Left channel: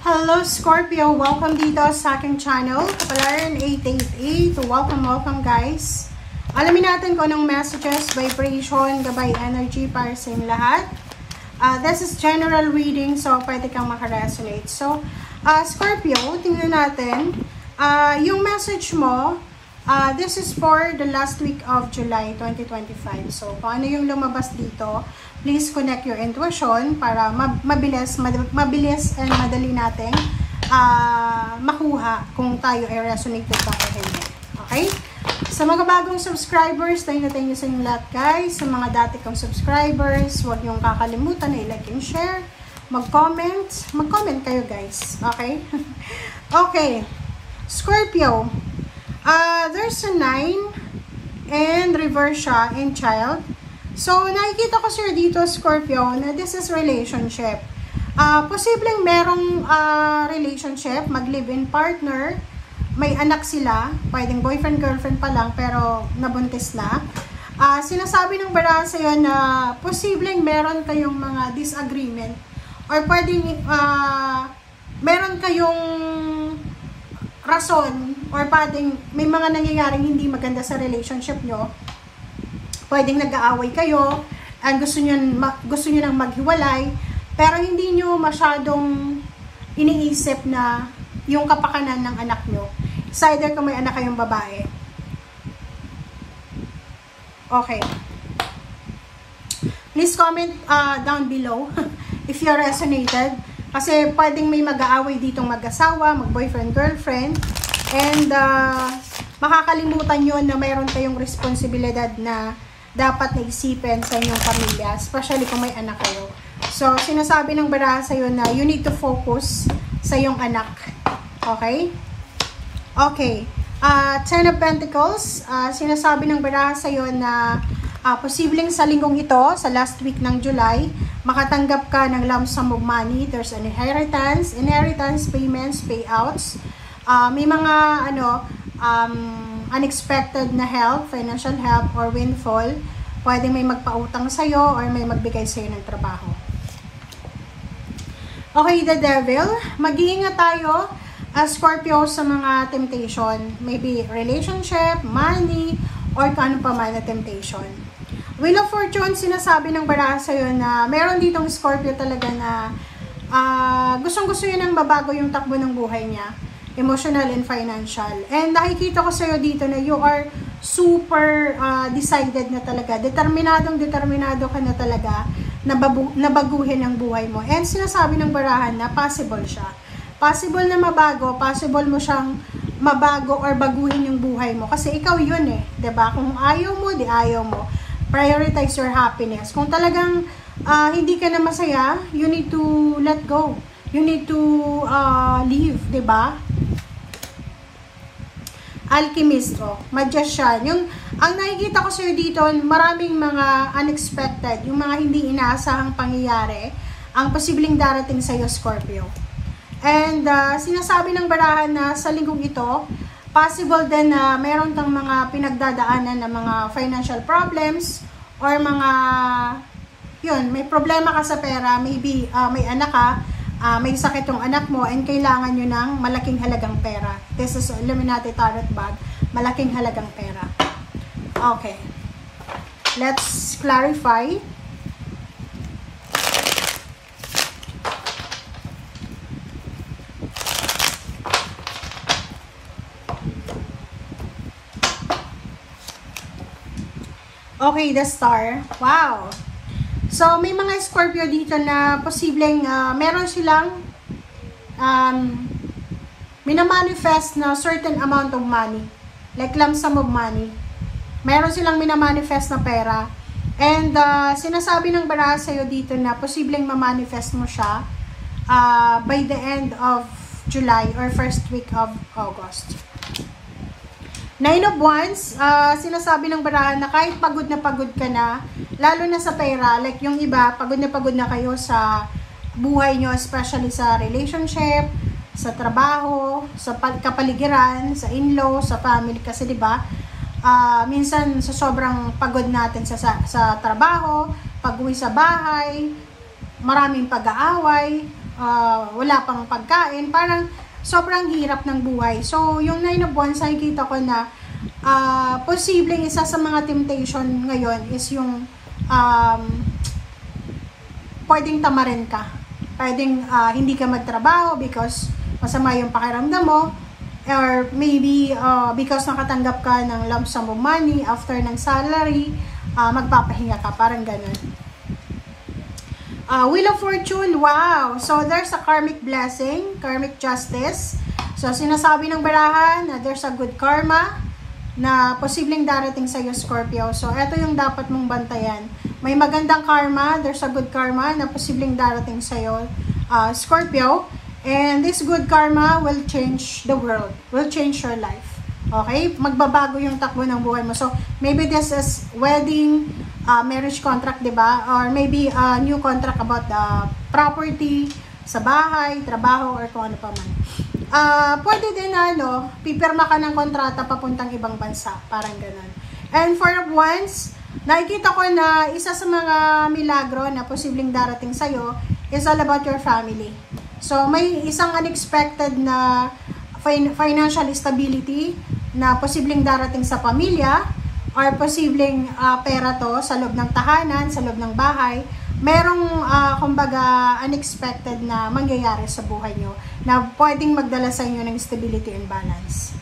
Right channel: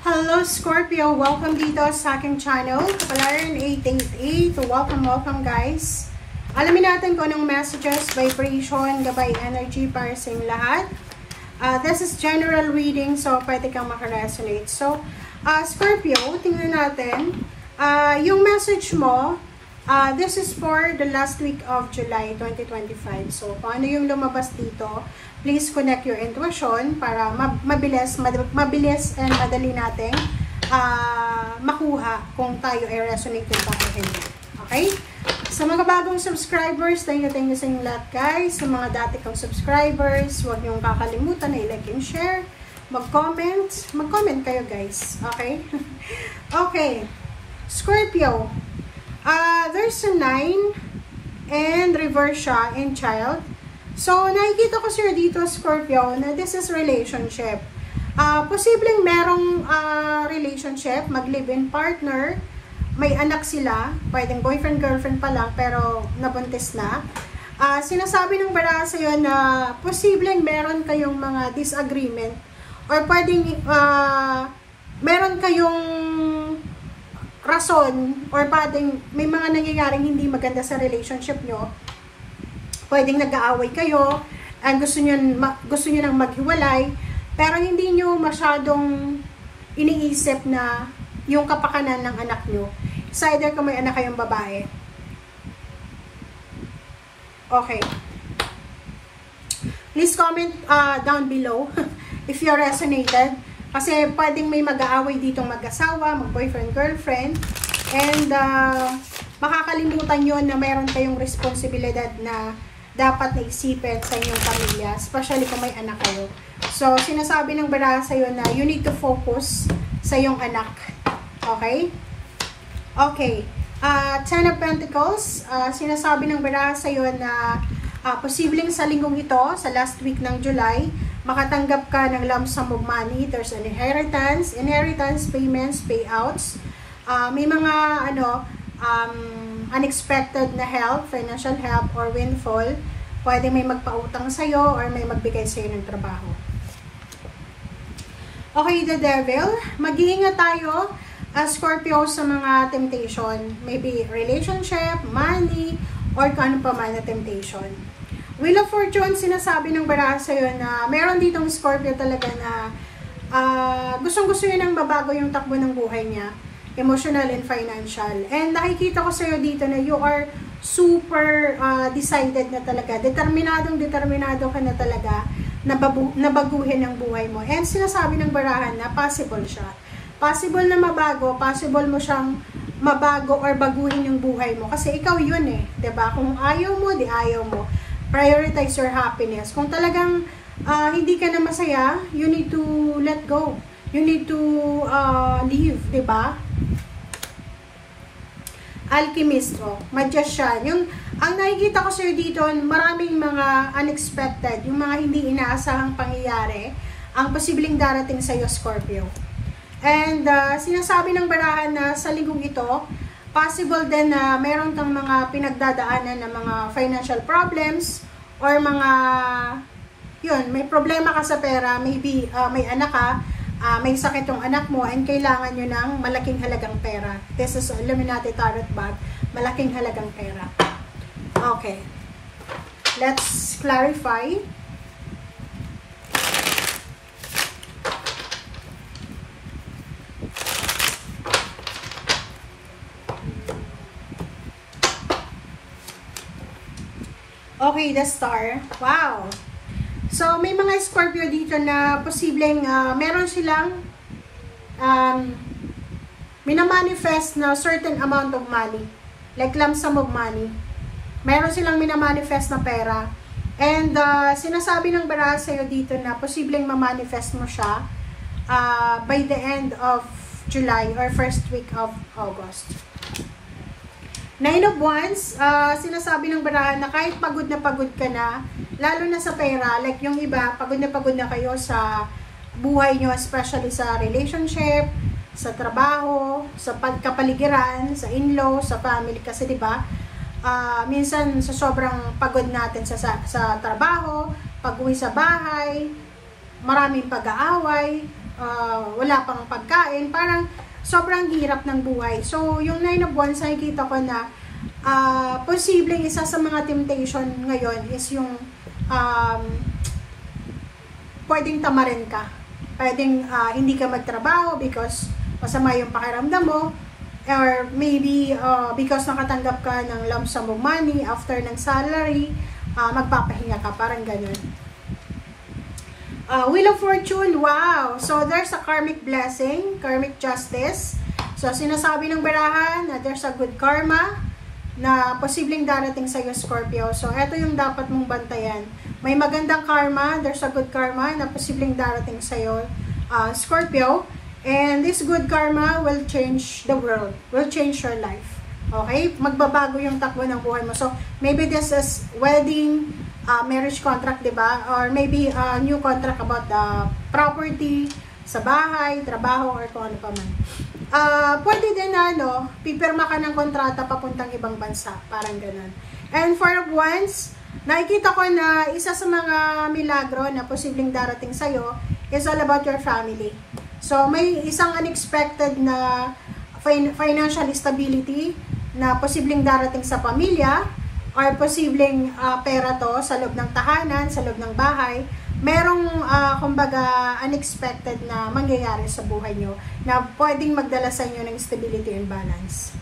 Hello Scorpio! Welcome dito sa aking channel, Kapalaran 888. Welcome guys. Alamin natin kung anong messages, vibration, gabay energy para sa inyong lahat. This is general reading, so pwede kang makaresonate. So, Scorpio, tingnan natin. Yung message mo, this is for the last week of July 2025. So, kung ano yung lumabas dito, please connect your intuition para mabilis and madali nating makuha kung tayo ay resonated ba o hindi. Okay? Sa mga bagong subscribers, thank you sa inyo lahat guys. Sa mga dati kong subscribers, huwag niyong kakalimutan na i-like and share. Mag-comment kayo guys. Okay? Okay. Scorpio. There's a 9 and reverse siya and child. So, nakikita ko sir dito, Scorpio, na this is relationship. Posibleng merong relationship, mag-live-in partner, may anak sila, pwedeng boyfriend-girlfriend pa lang, pero nabuntis na. Sinasabi ng baraha sa'yo na posibleng meron kayong mga disagreement, or pwedeng meron kayong rason, or pwedeng may mga nangyayaring hindi maganda sa relationship nyo. Pwedeng nag-aaway kayo and gusto nyo nang maghiwalay, pero hindi nyo masyadong iniisip na yung kapakanan ng anak nyo. It's either kung may anak kayong babae. Okay. Please comment down below if you resonated. Kasi pwedeng may mag-aaway ditong mag-asawa, mag-boyfriend, girlfriend. And makakalimutan nyo na mayroon kayong responsibilidad na dapat naisipin sa inyong pamilya, especially kung may anak kayo. So, sinasabi ng baraha sa'yo na you need to focus sa iyong anak. Okay? Okay. Ten of Pentacles, sinasabi ng baraha sa'yo na posibleng sa linggong ito, sa last week ng July, makatanggap ka ng lump sum of money. There's an inheritance, payments, payouts. May mga unexpected na help, financial help or windfall. Pwede may magpautang sa'yo or may magbigay sa'yo ng trabaho. Okay, the devil. Mag-iingat tayo, Scorpio, sa mga temptation. Maybe relationship, money, or kung ano pa man na temptation. Wheel of Fortune, sinasabi ng baraha sa'yo na meron ditong Scorpio talaga na gustong-gusto yun ang mabago yung takbo ng buhay niya. Emotional and financial. And nakikita ko sa'yo dito na you are super decided na talaga. Determinado ka na talaga na baguhin ang buhay mo. And sinasabi ng barahan na possible siya. Possible na mabago, possible mo siyang mabago or baguhin yung buhay mo. Kasi ikaw yun eh. 'Di ba? Kung ayaw mo, di ayaw mo. Prioritize your happiness. Kung talagang hindi ka na masaya, you need to let go. You need to leave, 'di ba? Alchemist, magician. Ang nakikita ko sa'yo dito, maraming mga unexpected, yung mga hindi inaasahang pangyayari, ang posibleng darating sa'yo, Scorpio. And sinasabi ng barahan na sa linggong ito, possible din na meron kang mga pinagdadaanan na mga financial problems, or mga, may problema ka sa pera, maybe may anak ka, may sakit yung anak mo and kailangan nyo ng malaking halagang pera. This is Illuminati Tarot Bag. Malaking halagang pera. Okay. Let's clarify. Okay, the star. Wow! So, may mga Scorpio dito na posibleng meron silang minamanifest na certain amount of money. Like lump sum of money. Meron silang minamanifest na pera. And sinasabi ng baraha sa'yo dito na posibleng mamanifest mo siya by the end of July or first week of August. Nine of Wands, sinasabi ng baraha na kahit pagod ka na, lalo na sa pera, like yung iba, pagod na kayo sa buhay nyo, especially sa relationship, sa trabaho, sa kapaligiran, sa in-law, sa family. Kasi diba, minsan sa sobrang pagod natin sa trabaho, pag-uwi sa bahay, maraming pag-aaway, wala pang pagkain, parang sobrang hirap ng buhay. So, yung 9 of Wands, nakikita ko na posibleng isa sa mga temptation ngayon is yung pwedeng tamarin ka. Pwedeng hindi ka magtrabaho because masama yung pakiramdam mo, or maybe because nakatanggap ka ng lump sum of money after ng salary, magpapahinga ka, parang ganun. Wheel of Fortune, wow! So, there's a karmic blessing, karmic justice. So, sinasabi ng barahan na there's a good karma na posibleng darating sa iyo, Scorpio. So, eto yung dapat mong bantayan. May magandang karma, there's a good karma na posibleng darating sa iyo, Scorpio. And this good karma will change the world, will change your life. Okay? Magbabago yung takbo ng buhay mo. So, maybe this is wedding, marriage contract, diba? Or maybe a new contract about the property, sa bahay, trabaho, or kung ano pa man. Pwede din na, pipirma ka ng kontrata papuntang ibang bansa. Parang ganun. And for Wands, nakikita ko na isa sa mga milagro na posibleng darating sa'yo is all about your family. So, may isang unexpected na financial stability na posibleng darating sa pamilya, or posibleng pera to sa loob ng tahanan, sa loob ng bahay. Merong, kumbaga, unexpected na mangyayari sa buhay nyo na pwedeng magdala sa inyo ng stability and balance.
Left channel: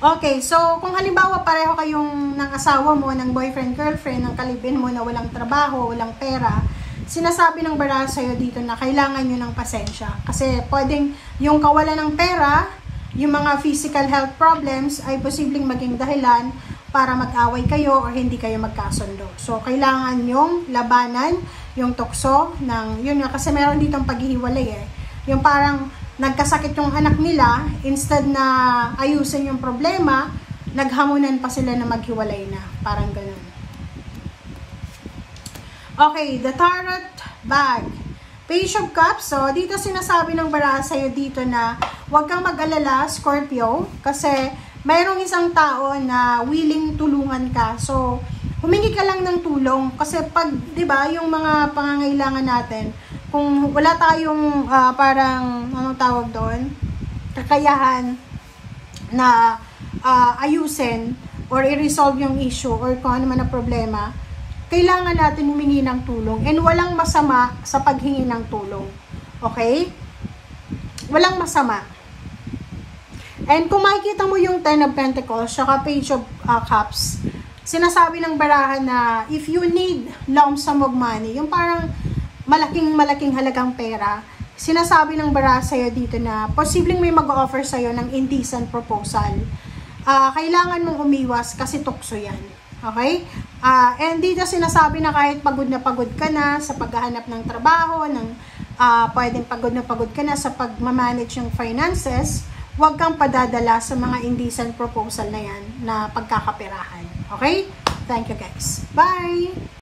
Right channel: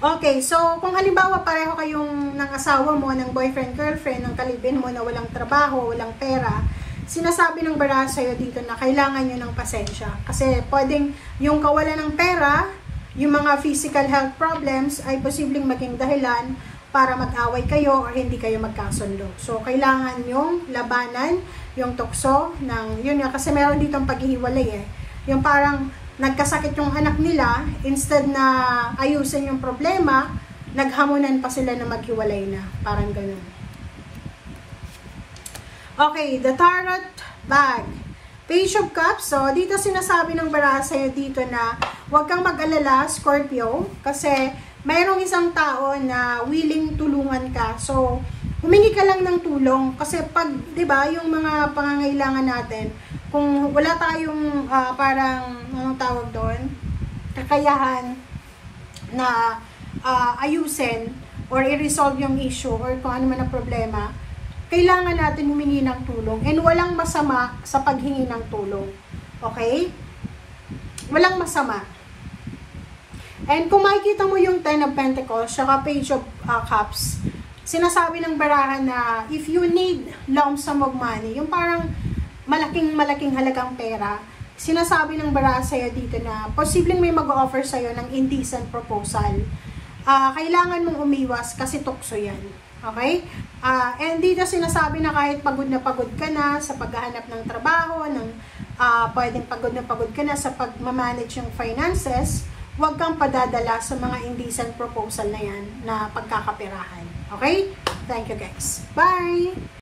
Okay, so kung halimbawa pareho kayong ng asawa mo, ng boyfriend, girlfriend, ng kalibin mo na walang trabaho, walang pera, sinasabi ng baraha sa'yo dito na kailangan nyo ng pasensya. Kasi pwedeng yung kawalan ng pera, yung mga physical health problems ay posibleng maging dahilan para mag-away kayo o hindi kayo magkasundo. So, kailangan yung labanan, yung tukso ng, yun nga, kasi meron ditong paghihiwalay eh. Yung parang nagkasakit yung anak nila, instead na ayusin yung problema, naghamunan pa sila na maghiwalay na. Parang ganun. Okay, the Tarot bag. Page of Cups. So, dito sinasabi ng baraha sa'yo dito na huwag kang mag-alala, Scorpio, kasi mayroong isang tao na willing tulungan ka. So, humingi ka lang ng tulong. Kasi pag, di ba, yung mga pangangailangan natin, kung wala tayong parang, anong tawag doon, kakayahan na ayusin or i-resolve yung issue or kung ano man na problema, kailangan natin humingi ng tulong. And walang masama sa paghingi ng tulong. Okay? Walang masama. And kung makikita mo yung 10 of Pentacles, saka Page of Cups, sinasabi ng barahan na if you need lump sum of money, yung parang malaking halagang pera, sinasabi ng baraha sa'yo dito na posibleng may mag-offer sa'yo ng indecent proposal. Kailangan mong umiwas kasi tukso yan. Okay? And dito sinasabi na kahit pagod na pagod ka na sa paghahanap ng trabaho, pwedeng pagod na pagod ka na sa pagmamanage ng finances, huwag kang padadala sa mga indecent proposal na yan na pagkakaperahan. Okay? Thank you guys. Bye!